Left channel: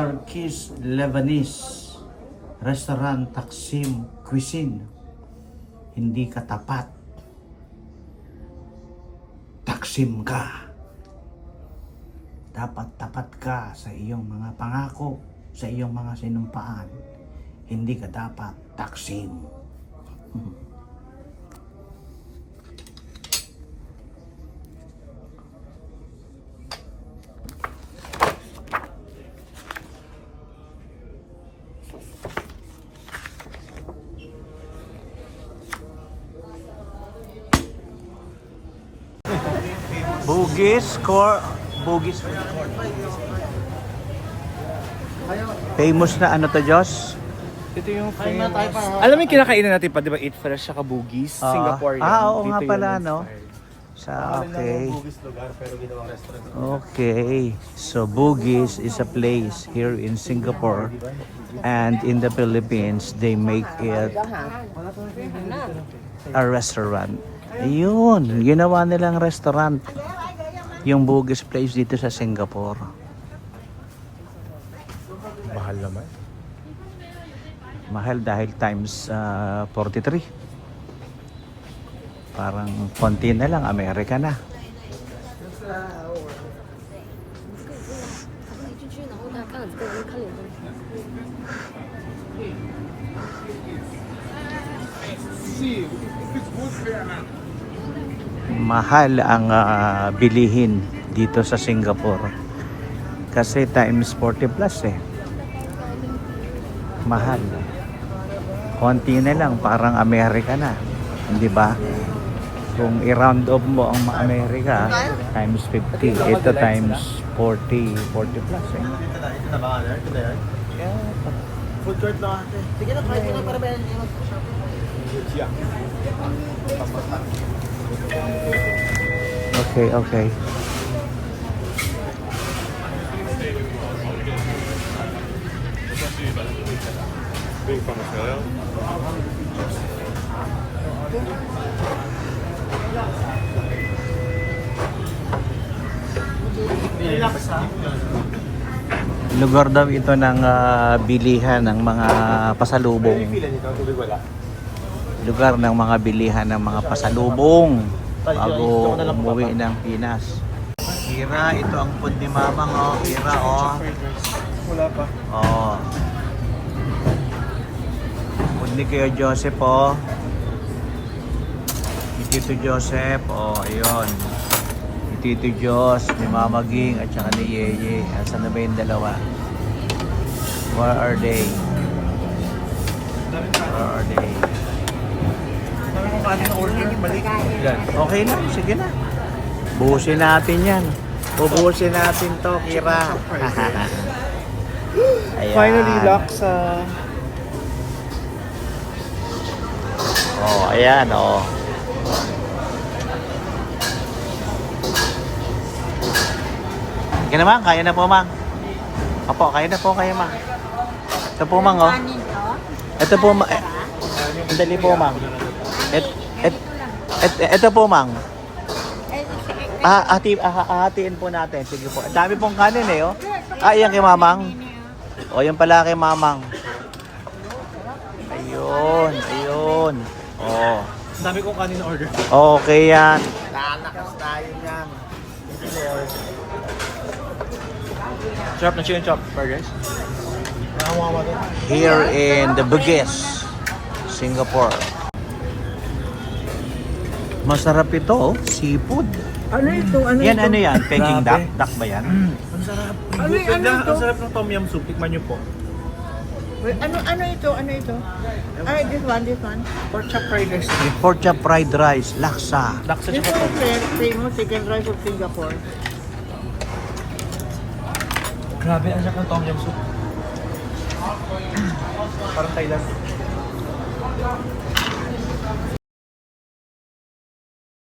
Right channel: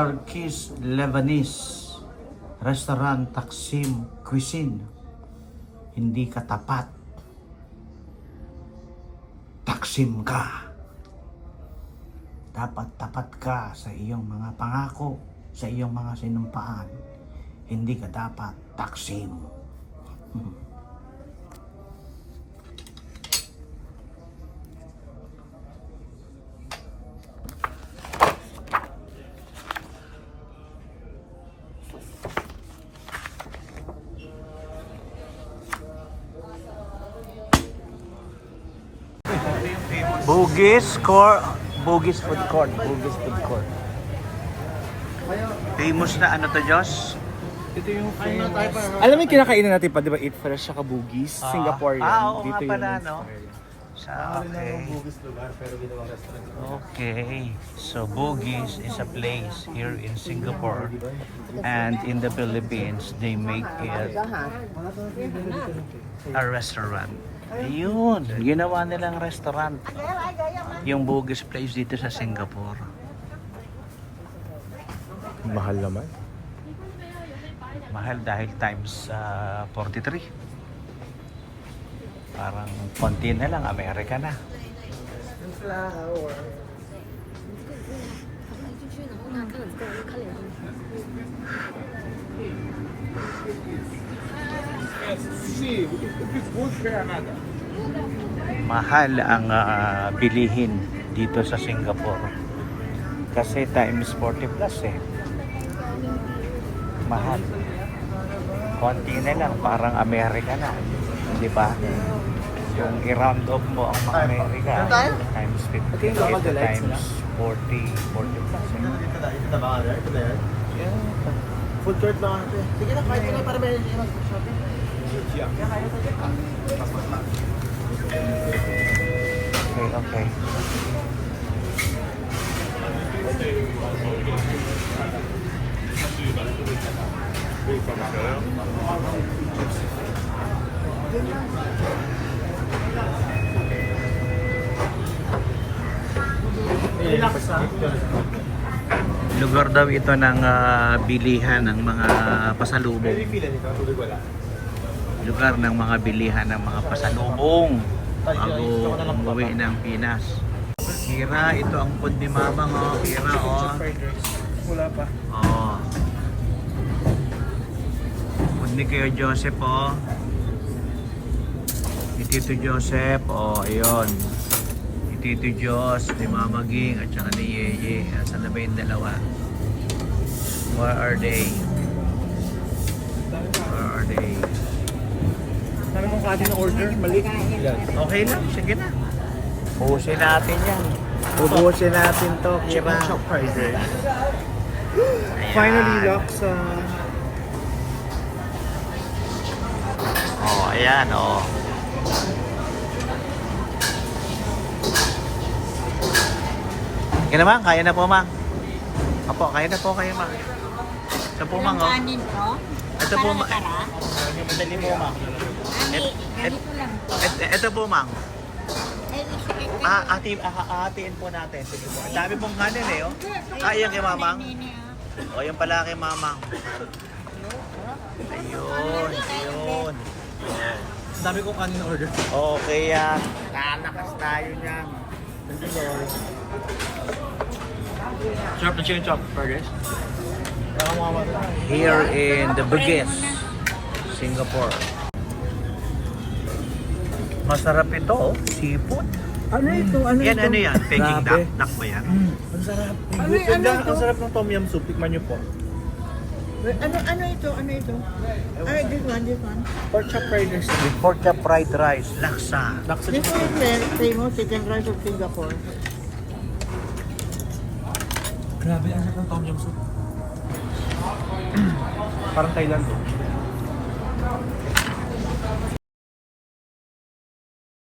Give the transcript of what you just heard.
Turkish Lebanese Restaurant Taksim Cuisine. Hindi ka tapat, taksim ka. Dapat tapat ka sa iyong mga pangako, sa iyong mga sinumpaan. Hindi ka dapat taksim. Bugis Food Court. Famous na ano to, Diyos? Ito yung famous. Alam mo yung kinakainan natin pa, di ba? Eat Fresh saka Bugis. Singaporean. Oo Dito nga pala, yun yung no? style. Okay. Bugis lugar pero ginawang restaurant. Okay. So Bugis is a place here in Singapore and in the Philippines. They make it a restaurant. Yun, ginawa nilang restaurant. Yung Bugis place dito sa Singapore. Mahal naman. Mahal dahil times 43. Parang konti na lang, Amerika na. Mahal ang bilihin dito sa Singapore. Kasi times 40 plus eh. Mahal. Konti na lang, parang Amerika na. Di ba? Kung i-round off mo ang Amerika, times 50, ito times 40 plus eh. Ito na yan. Food court lang ate. Sige na, kahit na para may shopping. Okay. Lugar daw ito ng bilihan ng mga pasalubong. Lugar ng mga bilihan ng mga pasalubong bago umuwi ng Pinas. Kira, ito ang food ni Mamang, oh. Kira, oh. Oh. Food ni Kuya Joseph, oh. Ni Tito Joseph, oh, ayun. Ni Tito Jos, ni Mama Ging, at saka ni Yeye. Nasaan na ba yung dalawa? Where are they? Okay lang, sige na. Buhusin natin yan. Bubuhusin natin to, Kira. Finally, Laksa. Oh, ayan, oh. Sige na, Mang. Kaya na po, Mang. Opo, kaya na po kayo, Mang. Ito po, Mang, oh. Ito po, Mang. Dali po, Mang. Ito po, Mang. Hatiin po natin. Sige po. Ang dami pong kanin eh, oh. Iyan kay Mamang. O, yan pala kay Mamang. Ayun. Oh. Ang dami kong kanin order. Okay yan. Lalakas tayo yan. Thank you Lord. Chop na chicken chop burgers. Here in the Bugis, Singapore. Masarap ito, oh. Seafood. Ano ito? Ano Yan, ito? ano yan? Peking duck? Duck ba yan? Ang sarap. Ano ito? Ang sarap ng tom yum soup. Tikman niyo po. Wait, ano ito? Ano ito? Ay, this one. Pork chop fried rice. With pork chop fried rice, laksa. Laksa This siya. one is famous chicken rice of Singapore. Grabe, ang sarap ng tom yum soup. Parang Thailand.